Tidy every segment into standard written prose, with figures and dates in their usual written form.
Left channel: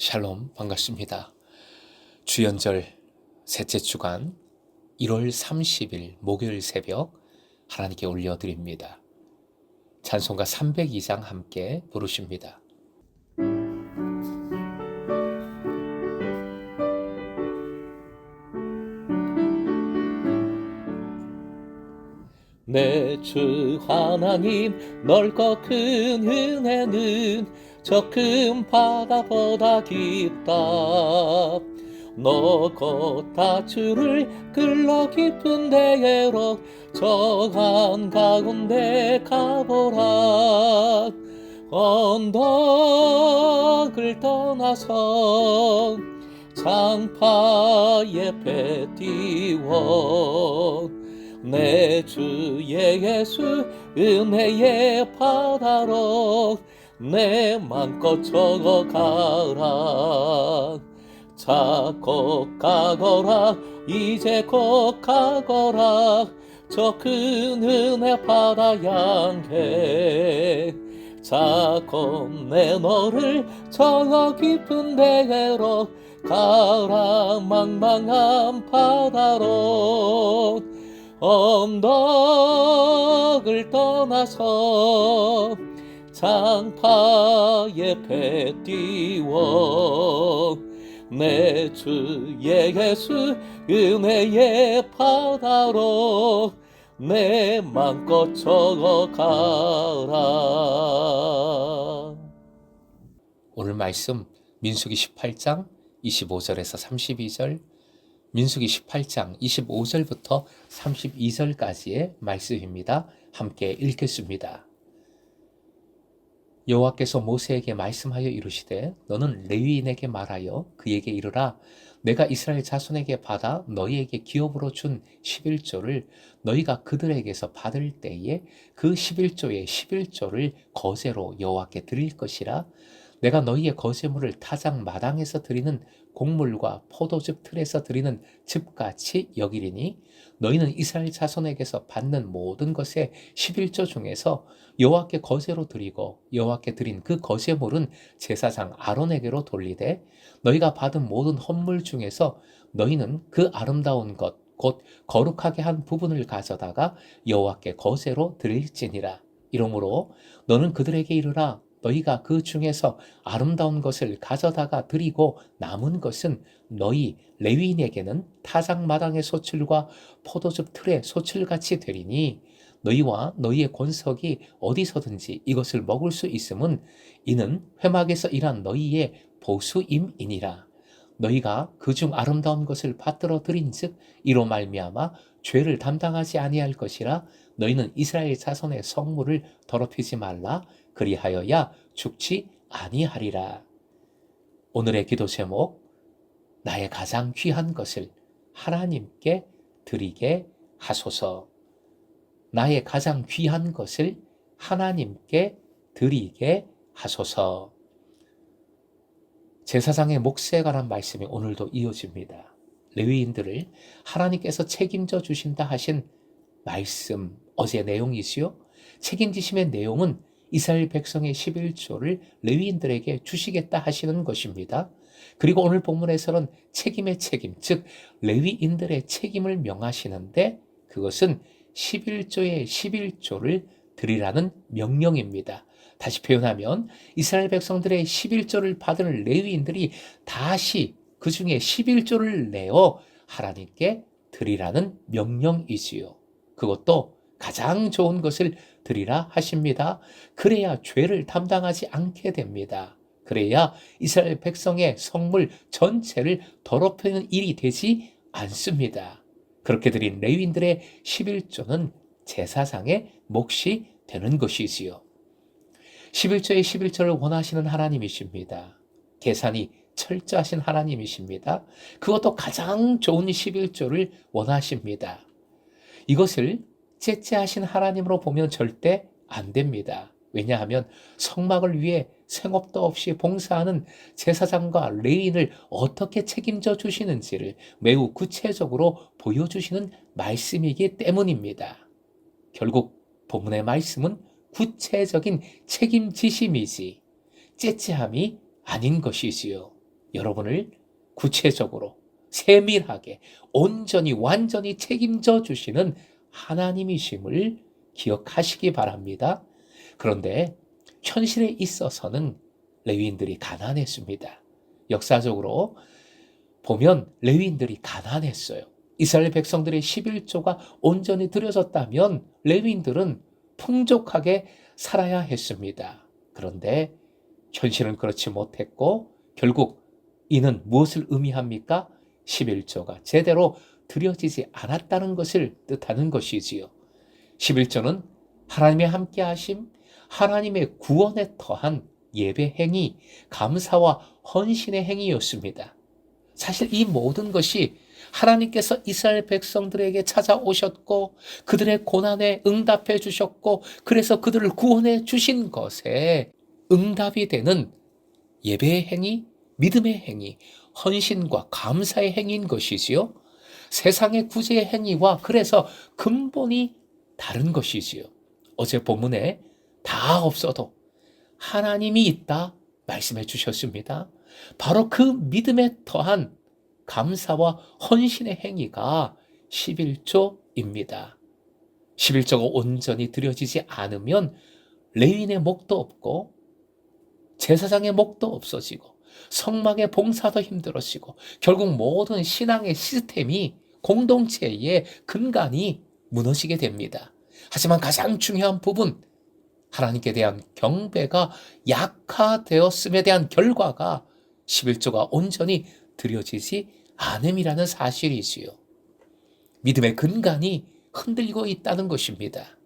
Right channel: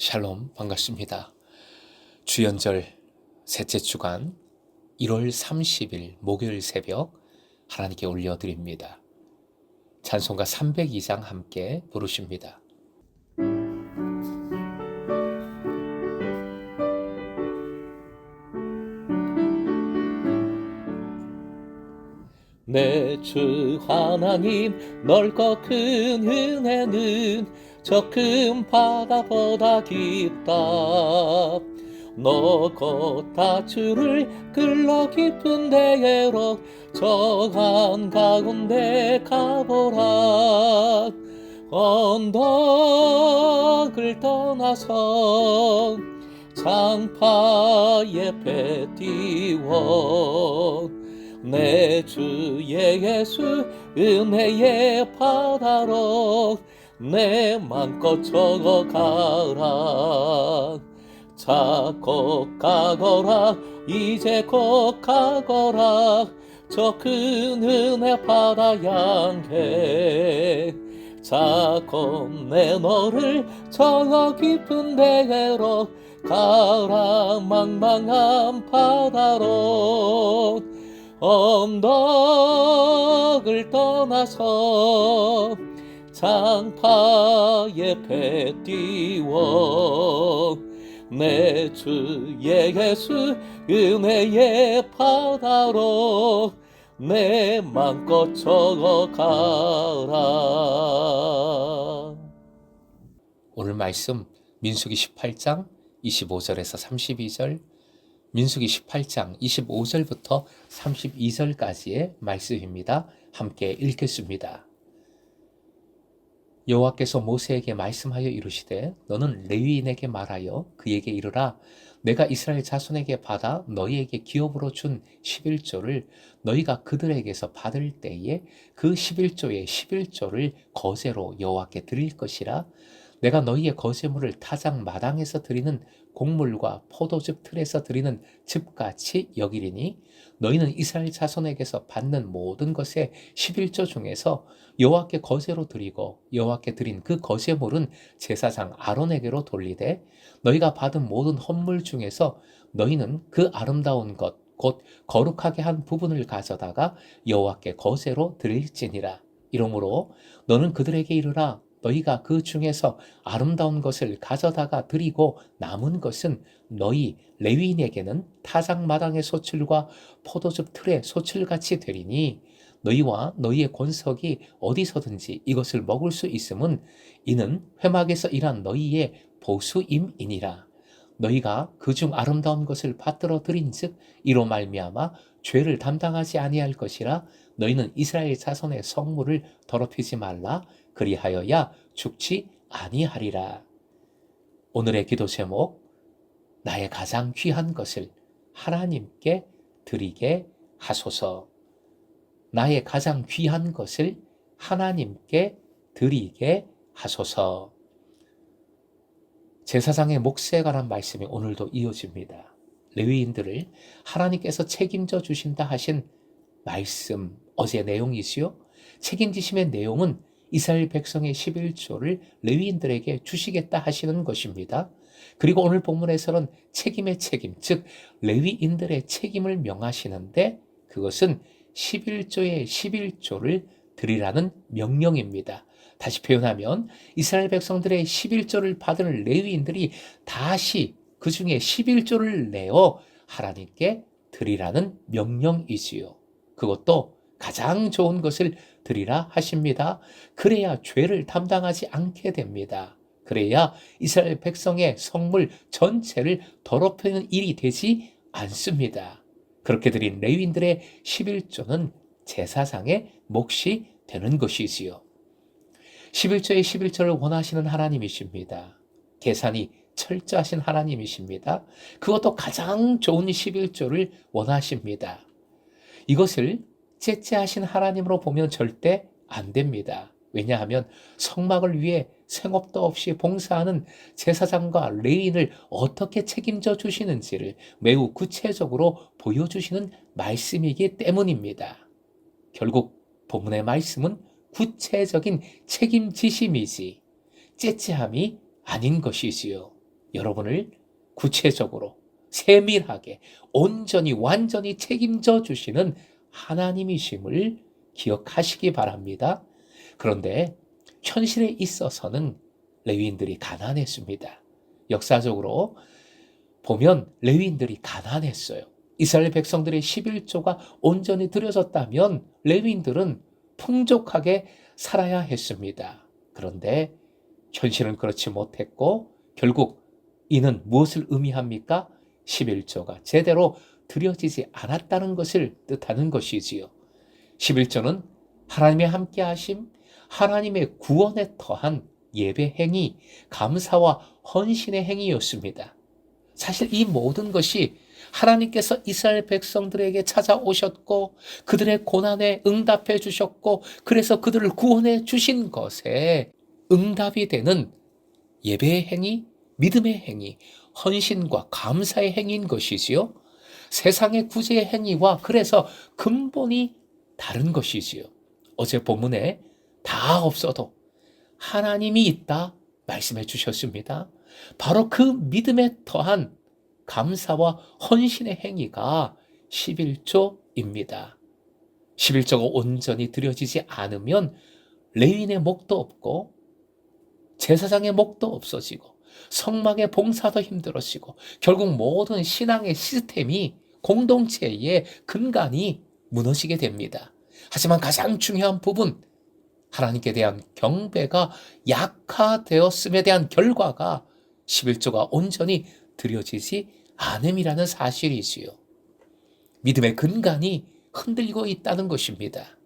샬롬, 반갑습니다. 주연절 셋째 주간 1월 30일 목요일 새벽 하나님께 올려드립니다. 찬송가 302장 함께 부르십니다. 내 주 하나님 넓고 큰 은혜는 저 큰 바다보다 깊다. 너 곧 다주를 끌러 깊은 데로 저 한가운데 가보라. 언덕을 떠나서 장파에 배 띄워 내 주 예수 은혜의 바다로 내 맘껏 적어가라. 자 곧 가거라 이제 곧 가거라 저 큰 은혜 바다 향해. 자 곧 내 너를 저 깊은 데로 가라. 망망한 바다로 언덕을 떠나서 장파에 배 띄워 내 주 예수 은혜의 바다로 내 맘껏 적어가라. 오늘 말씀 민수기 18장 25절에서 32절, 민수기 18장 25절부터 32절까지의 말씀입니다. 함께 읽겠습니다. 여호와께서 모세에게 말씀하여 이르시되 너는 레위인에게 말하여 그에게 이르라. 내가 이스라엘 자손에게 받아 너희에게 기업으로 준 11조를 너희가 그들에게서 받을 때에 그 11조의 11조를 거제로 여호와께 드릴 것이라. 내가 너희의 거제물을 타작 마당에서 드리는 곡물과 포도즙 틀에서 드리는 즙같이 여기리니 너희는 이스라엘 자손에게서 받는 모든 것의 11조 중에서 여호와께 거제로 드리고 여호와께 드린 그 거제물은 제사장 아론에게로 돌리되 너희가 받은 모든 헌물 중에서 너희는 그 아름다운 것 곧 거룩하게 한 부분을 가져다가 여호와께 거제로 드릴지니라. 이러므로 너는 그들에게 이르라. 너희가 그 중에서 아름다운 것을 가져다가 드리고 남은 것은 너희 레위인에게는 타작 마당의 소출과 포도즙 틀의 소출같이 되리니 너희와 너희의 권석이 어디서든지 이것을 먹을 수 있음은 이는 회막에서 일한 너희의 보수임이니라. 너희가 그중 아름다운 것을 받들어 드린즉 이로 말미암아 죄를 담당하지 아니할 것이라. 너희는 이스라엘 자손의 성물을 더럽히지 말라. 그리하여야 죽지 아니하리라. 오늘의 기도 제목, 나의 가장 귀한 것을 하나님께 드리게 하소서. 나의 가장 귀한 것을 하나님께 드리게 하소서. 제사장의 몫에 관한 말씀이 오늘도 이어집니다. 레위인들을 하나님께서 책임져 주신다 하신 말씀, 어제 내용이지요. 책임지심의 내용은 이스라엘 백성의 11조를 레위인들에게 주시겠다 하시는 것입니다. 그리고 오늘 본문에서는 책임의 책임, 즉 레위인들의 책임을 명하시는데 그것은 11조의 11조를 드리라는 명령입니다. 다시 표현하면 이스라엘 백성들의 11조를 받은 레위인들이 다시 그 중에 11조를 내어 하나님께 드리라는 명령이지요. 그것도 가장 좋은 것을 드리라 하십니다. 그래야 죄를 담당하지 않게 됩니다. 그래야 이스라엘 백성의 성물 전체를 더럽히는 일이 되지 않습니다. 그렇게 드린 레위인들의 11조는 제사장의 몫이 되는 것이지요. 11조의 11조를 원하시는 하나님이십니다. 계산이 철저하신 하나님이십니다. 그것도 가장 좋은 11조를 원하십니다. 이것을 째째하신 하나님으로 보면 절대 안 됩니다. 왜냐하면 성막을 위해 생업도 없이 봉사하는 제사장과 레위인을 어떻게 책임져 주시는지를 매우 구체적으로 보여주시는 말씀이기 때문입니다. 결국 본문의 말씀은 구체적인 책임지심이지 째째함이 아닌 것이지요. 여러분을 구체적으로 세밀하게 온전히 완전히 책임져 주시는 하나님이심을 기억하시기 바랍니다. 그런데 현실에 있어서는 레위인들이 가난했습니다. 역사적으로 보면 레위인들이 가난했어요. 이스라엘 백성들의 11조가 온전히 드려졌다면 레위인들은 풍족하게 살아야 했습니다. 그런데 현실은 그렇지 못했고 결국 이는 무엇을 의미합니까? 11조가 제대로 드려지지 않았다는 것을 뜻하는 것이지요. 11조는 하나님의 함께하심, 하나님의 구원에 터한 예배 행위, 감사와 헌신의 행위였습니다. 사실 이 모든 것이 하나님께서 이스라엘 백성들에게 찾아오셨고 그들의 고난에 응답해 주셨고 그래서 그들을 구원해 주신 것에 응답이 되는 예배의 행위, 믿음의 행위, 헌신과 감사의 행위인 것이지요. 세상의 구제의 행위와 그래서 근본이 다른 것이지요. 어제 본문에 다 없어도 하나님이 있다 말씀해 주셨습니다. 바로 그 믿음에 더한 감사와 헌신의 행위가 11조입니다. 11조가 온전히 드려지지 않으면 레위인의 목도 없고 제사장의 목도 없어지고 성막의 봉사도 힘들어지고 결국 모든 신앙의 시스템이 공동체의 근간이 무너지게 됩니다. 하지만 가장 중요한 부분, 하나님께 대한 경배가 약화되었음에 대한 결과가 11조가 온전히 드려지지 않음이라는 사실이지요. 믿음의 근간이 흔들리고 있다는 것입니다.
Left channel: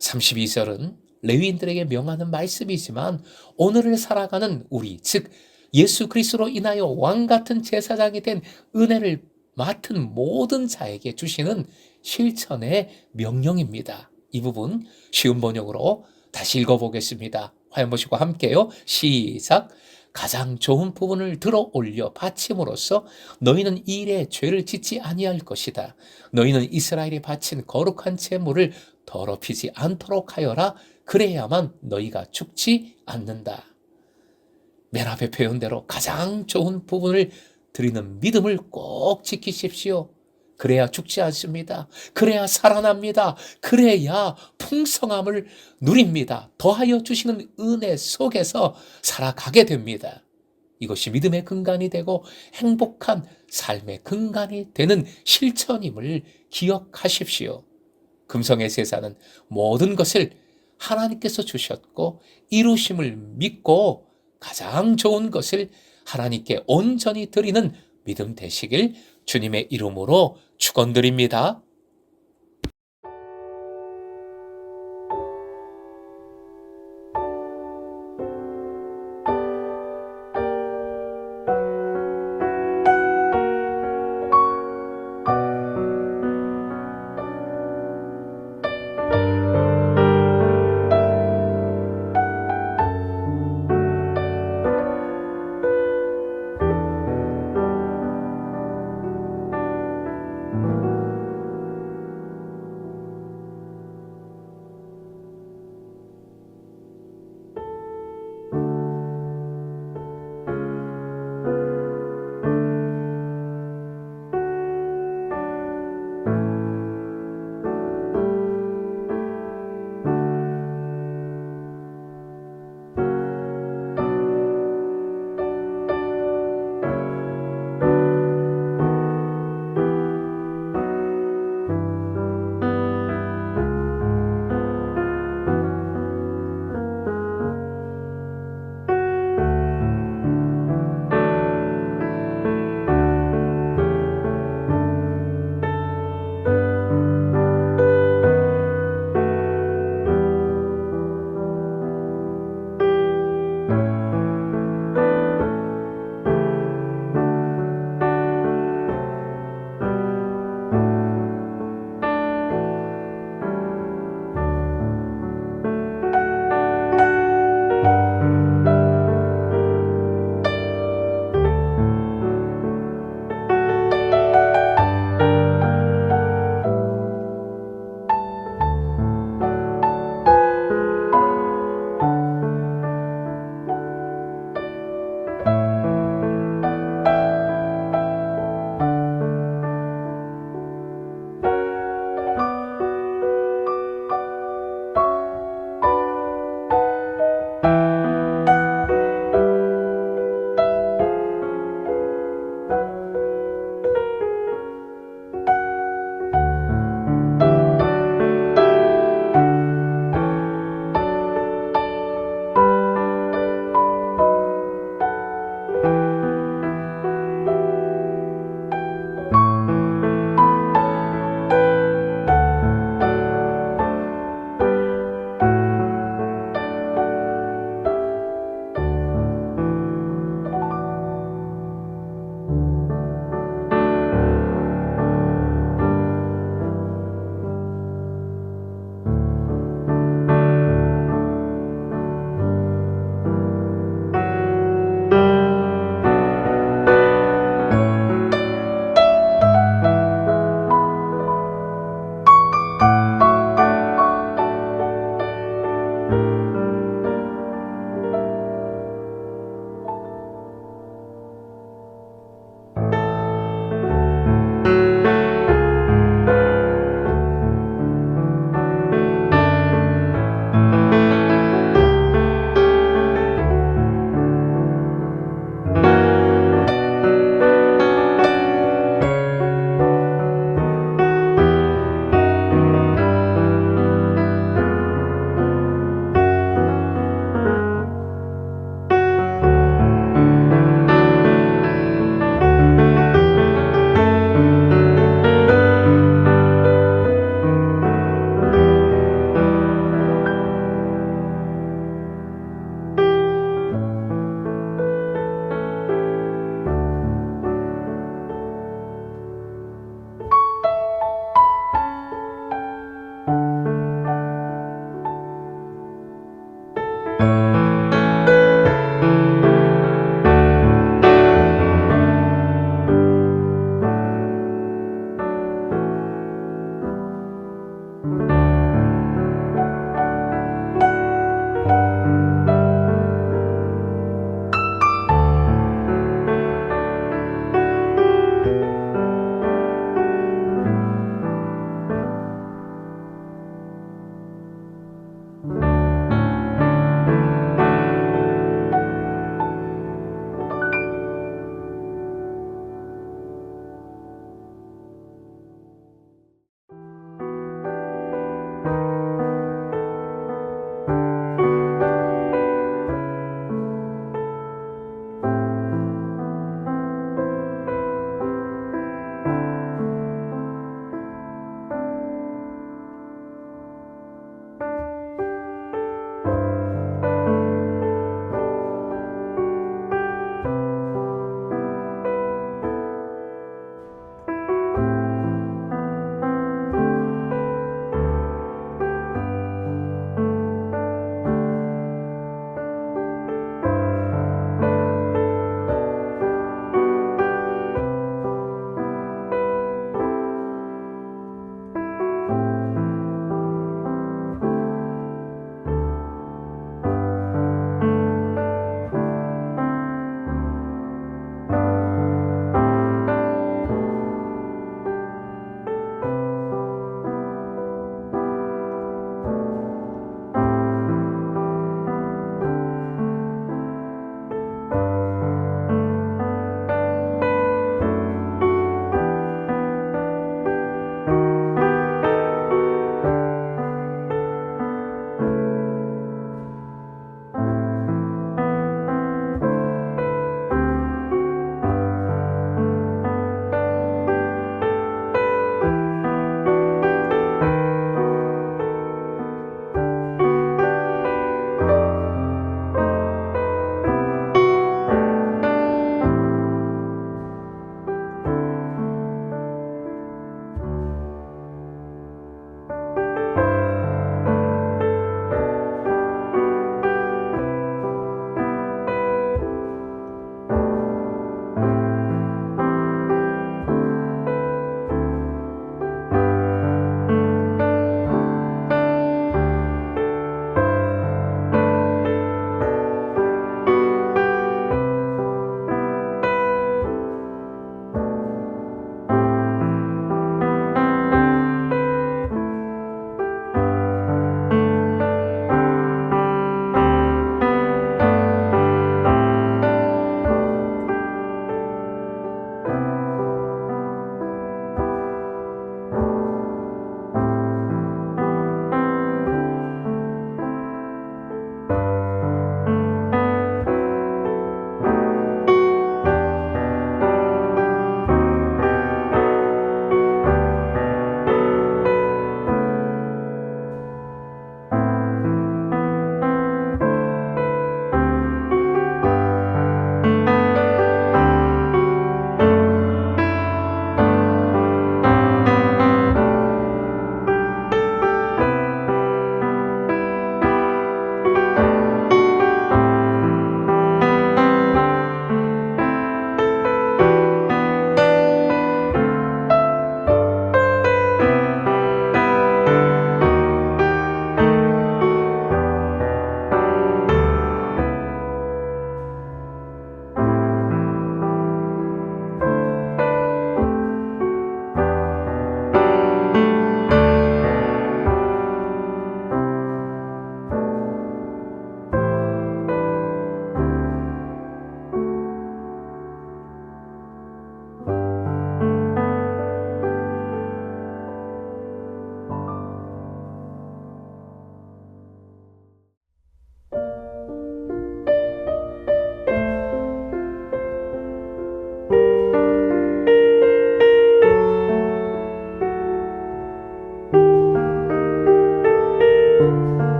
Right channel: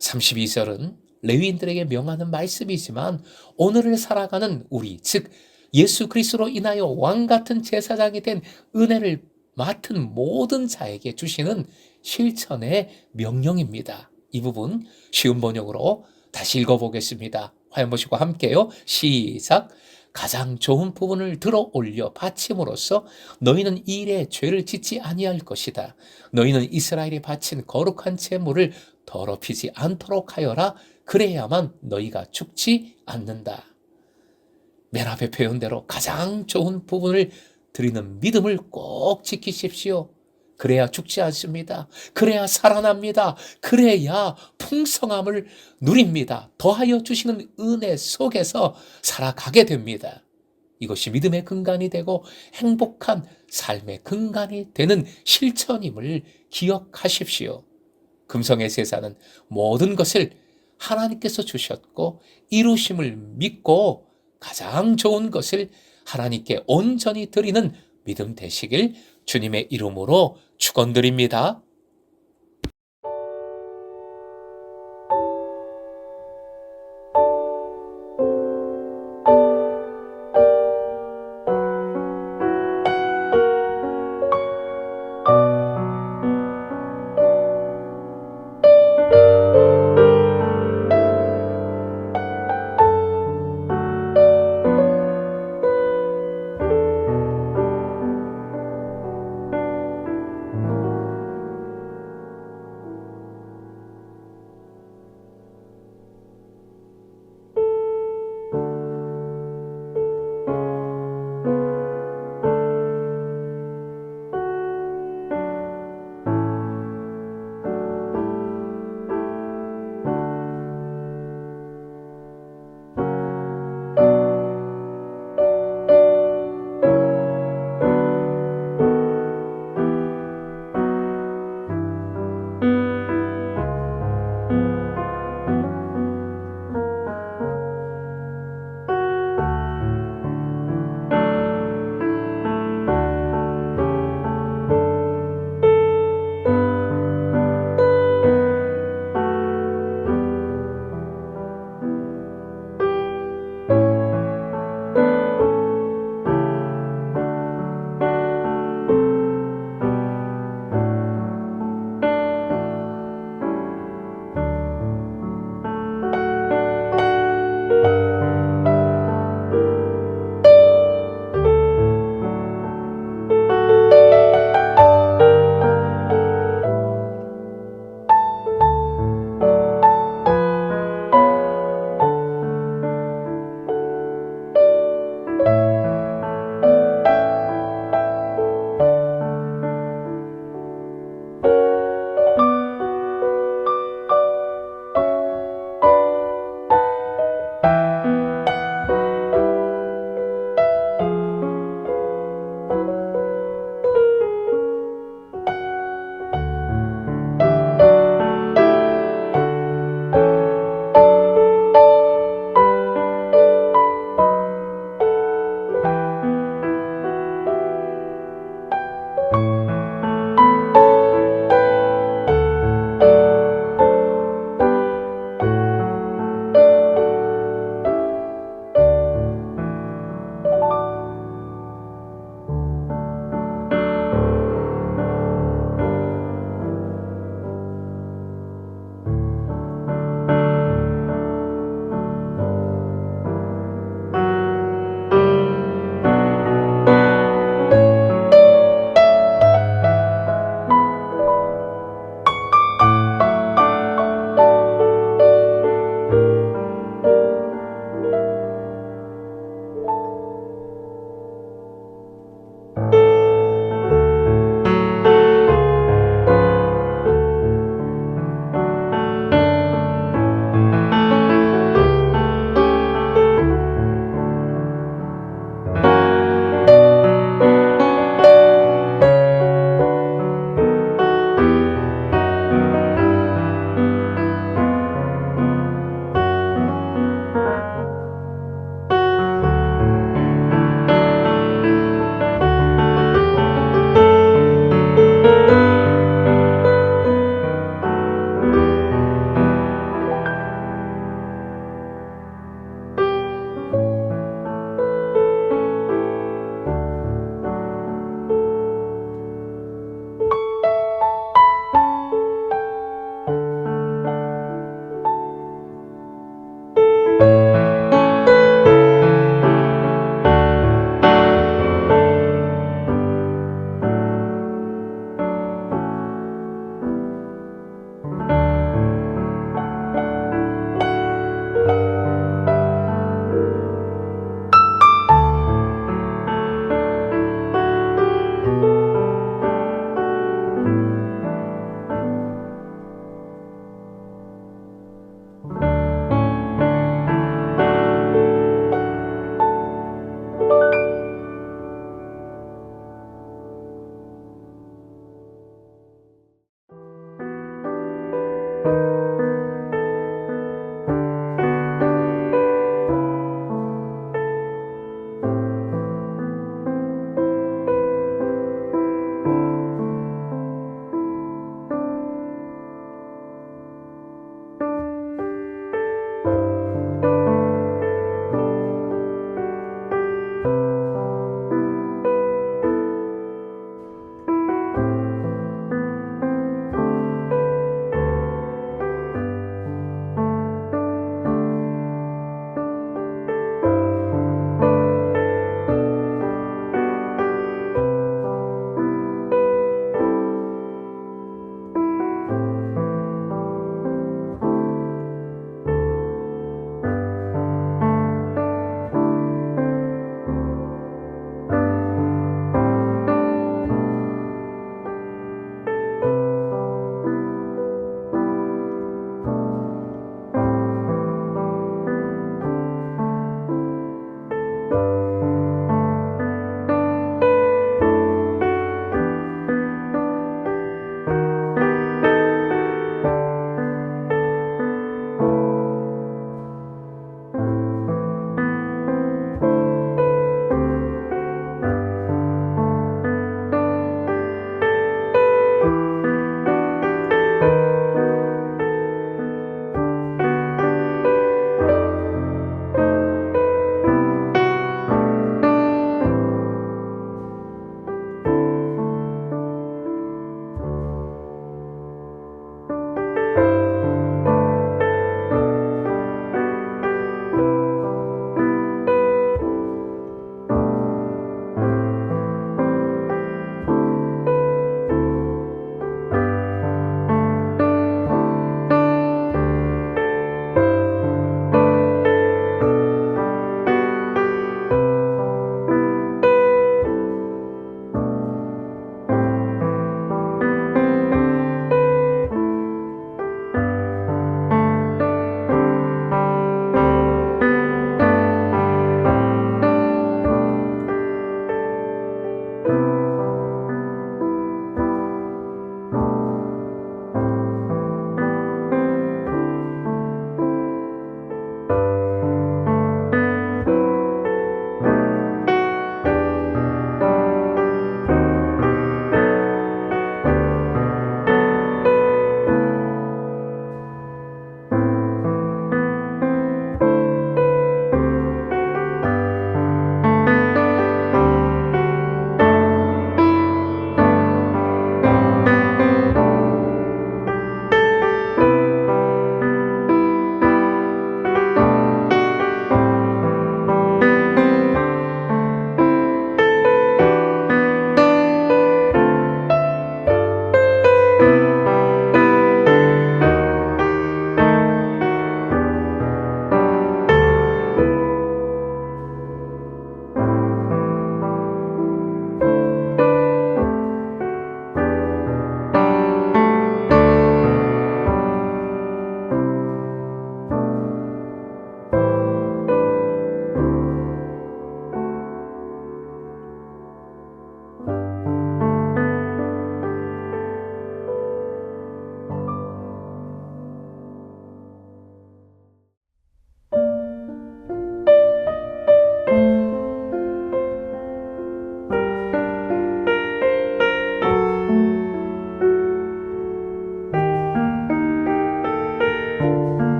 32절은 레위인들에게 명하는 말씀이지만 오늘을 살아가는 우리, 즉 예수 그리스도로 인하여 왕같은 제사장이 된 은혜를 맡은 모든 자에게 주시는 실천의 명령입니다. 이 부분 쉬운 번역으로 다시 읽어보겠습니다. 화면 보시고 함께요. 시작. 가장 좋은 부분을 들어 올려 바침으로써 너희는 이 일에 죄를 짓지 아니할 것이다. 너희는 이스라엘이 바친 거룩한 제물을 더럽히지 않도록 하여라. 그래야만 너희가 죽지 않는다. 맨 앞에 표현대로 가장 좋은 부분을 드리는 믿음을 꼭 지키십시오. 그래야 죽지 않습니다. 그래야 살아납니다. 그래야 풍성함을 누립니다. 더하여 주시는 은혜 속에서 살아가게 됩니다. 이것이 믿음의 근간이 되고 행복한 삶의 근간이 되는 실천임을 기억하십시오. 금성의 제사는 모든 것을 하나님께서 주셨고 이루심을 믿고 가장 좋은 것을 하나님께 온전히 드리는 믿음 되시길 주님의 이름으로 축원드립니다.